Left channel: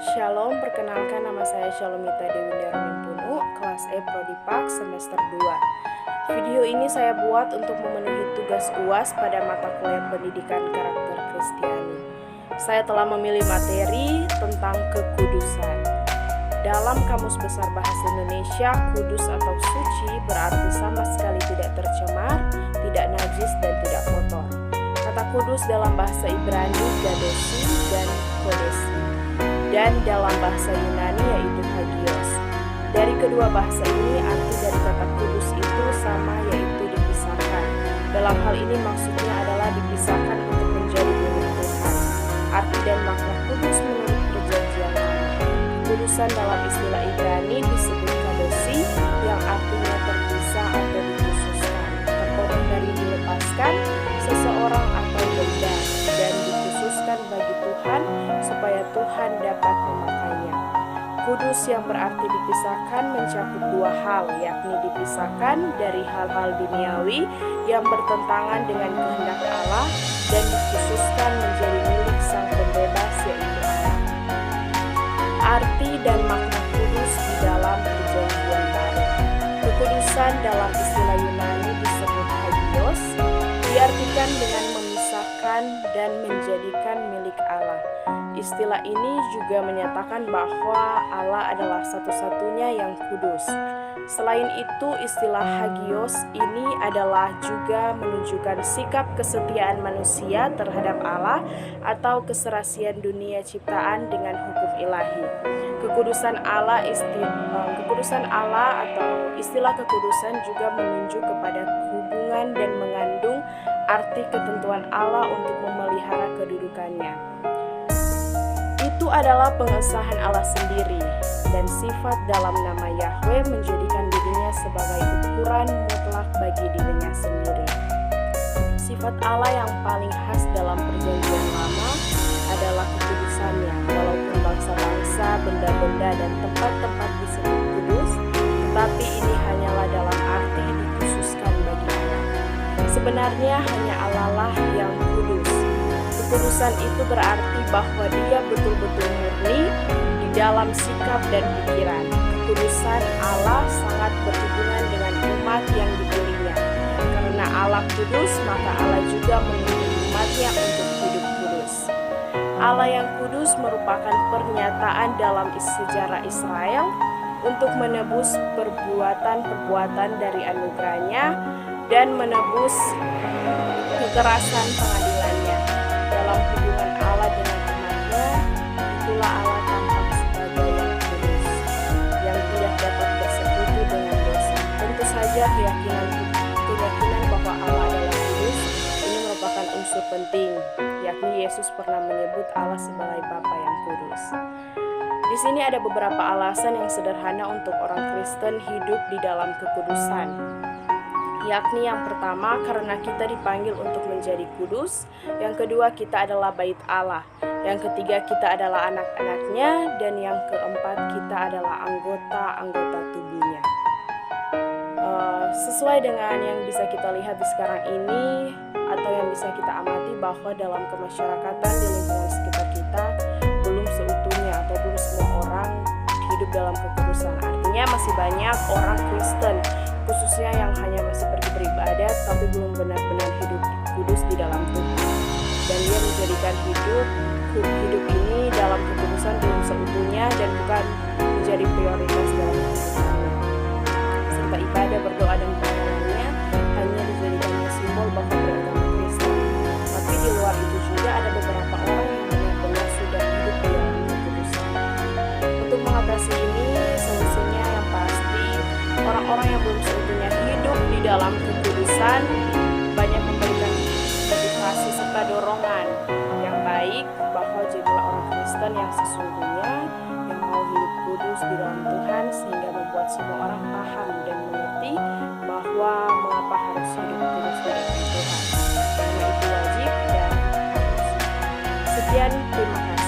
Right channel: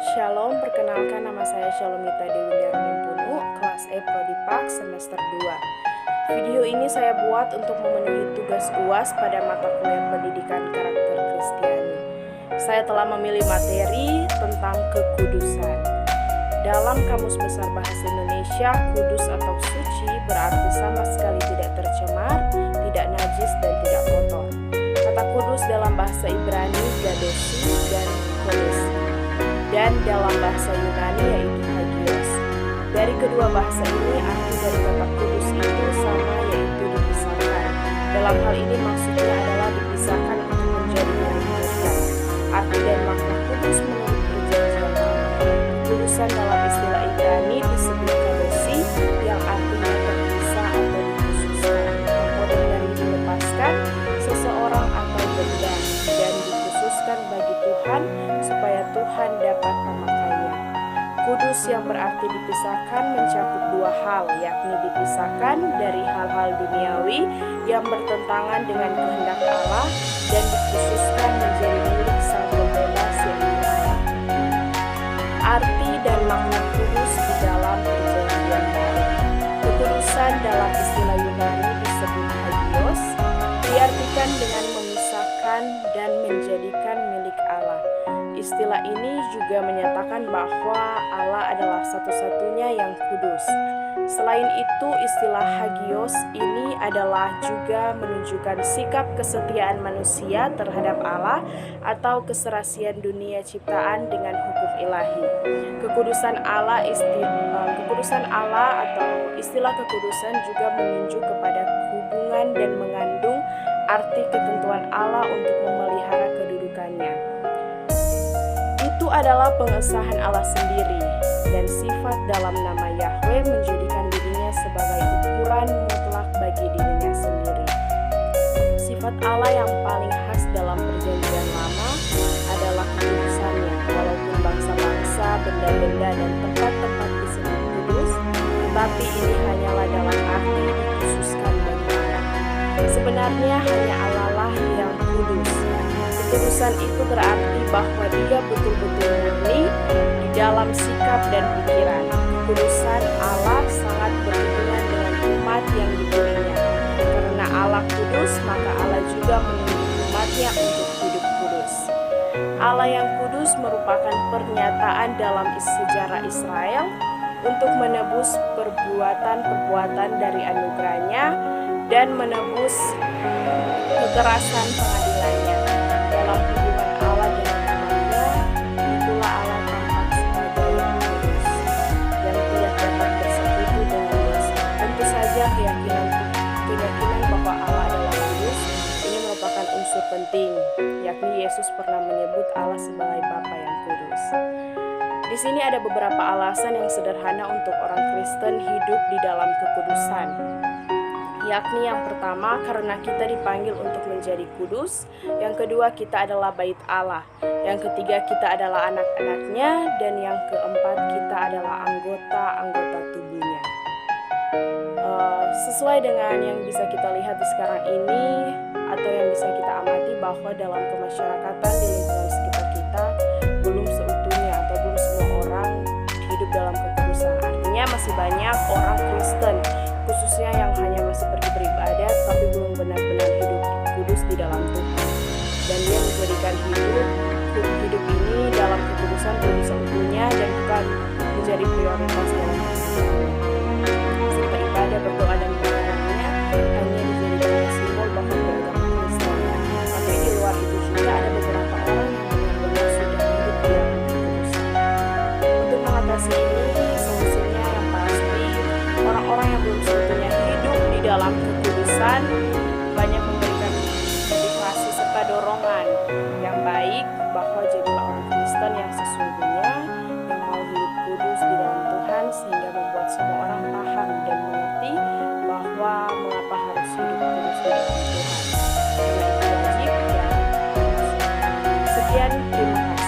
Shalom, perkenalkan nama saya Shalomita Dewi Darmimpunu, kelas E Prodi Pak semester 2. Video ini saya buat untuk memenuhi tugas UAS pada mata kuliah pendidikan karakter Kristiani. Saya telah memilih materi tentang kekudusan. Dalam Kamus Besar Bahasa Indonesia, kudus atau suci berarti sama sekali tidak tercemar, tidak najis, dan tidak kotor. Kata kudus dalam bahasa Ibrani gadosi dan kodesi, dan dalam bahasa Yunani yaitu hagios. Dari kedua bahasa ini arti dari kata kudus itu sama, yaitu dipisahkan. Dalam hal ini maksudnya adalah dipisahkan untuk menjadi milik Tuhan. Arti dan makna kudus menurut perjanjian lama. Kudusan dalam istilah Ibrani disebut kadosi, yang artinya terpisah atau dikhususkan, terpotong dari dilepaskan seseorang atau benda, dan dikhususkan bagi Tuhan supaya Tuhan dapat memakainya. Kudus yang berarti dipisahkan mencakup dua hal, yakni dipisahkan dari hal-hal duniawi yang bertentangan dengan kehendak Allah dan dikhususkan menjadi milik Sang Pembebas yaitu Allah. Arti dan makna kudus di dalam perjanjian baru. Kekudusan dalam istilah Yunani disebut hagios, diartikan dengan memisahkan dan menjadikan milik Allah. Istilah ini juga menyatakan bahwa Allah adalah satu-satunya yang kudus. Selain itu, istilah hagios ini adalah juga menunjukkan sikap kesetiaan manusia terhadap Allah atau keserasian dunia ciptaan dengan hukum ilahi. Kekudusan Allah atau istilah kekudusan juga menunjuk kepada hubungan dan mengandung arti ketentuan Allah untuk memelihara kedudukannya. Itu adalah pengesahan Allah sendiri, dan sifat dalam nama Yahweh menjadikan dirinya sebagai ukuran mutlak bagi dirinya sendiri. Sifat Allah yang paling khas dalam perjanjian lama adalah kekudusannya. Walaupun bangsa-bangsa, benda-benda, dan tempat-tempat disebut kudus, tetapi ini hanyalah dalam arti dikhususkan bagi Allah. Sebenarnya hanya Allah lah yang kudus. Kekudusan itu berarti bahwa dia betul-betul murni di dalam sikap dan pikiran. Kekudusan Allah sangat berhubungan dengan umat yang dipilihnya. Karena Allah kudus, maka Allah juga menuntut umatnya untuk hidup kudus. Allah yang kudus merupakan pernyataan dalam sejarah Israel untuk menebus perbuatan-perbuatan dari anugerahnya dan menebus kekerasan pengadilannya. Dalam hubungan Allah dengan umatnya, itulah Allah tampak sebagai yang kudus, yang tidak dapat bersekutu dengan dosa. Tentu saja keyakinan bahwa Allah adalah kudus ini merupakan unsur penting, yakni Yesus pernah menyebut Allah sebagai Bapa yang kudus. Di sini ada beberapa alasan yang sederhana untuk orang Kristen hidup di dalam kekudusan. Yakni yang pertama, karena kita dipanggil untuk menjadi kudus. Yang kedua, kita adalah bait Allah. Yang ketiga, kita adalah anak-anaknya. Dan yang keempat, kita adalah anggota-anggota tubuhnya. Sesuai dengan yang bisa kita lihat di sekarang ini, atau yang bisa kita amati, bahwa dalam kemasyarakatan di lingkungan sekitar kita belum seutuhnya atau belum semua orang hidup dalam kekudusan. Artinya masih banyak orang Kristen khususnya yang hanya masih pergi beribadat tapi belum benar-benar hidup kudus di dalam Tuhan. Dan dia menjadikan hidup ini dalam kekudusan belum seutuhnya dan bukan menjadi prioritas dalam kehidupannya. Serta ibadah, berdoa, dan pelayanannya hanya dijadikannya simbol bahwa beragama Kristen. Tapi di luar itu juga ada beberapa orang yang benar-benar sudah hidup di dalam kekudusan. Untuk mengatasi ini, solusinya yang pasti orang-orang yang belum seutuhnya hidup di dalam kekudusan banyak memberikan motivasi serta dorongan yang baik bahwa jadilah orang Kristen yang sesungguhnya, yang mau hidup kudus di dalam Tuhan, sehingga membuat semua orang paham dan mengerti bahwa mengapa harus hidup kudus di dalam Tuhan, karena itu wajib dan harus. Sekian, terima kasih.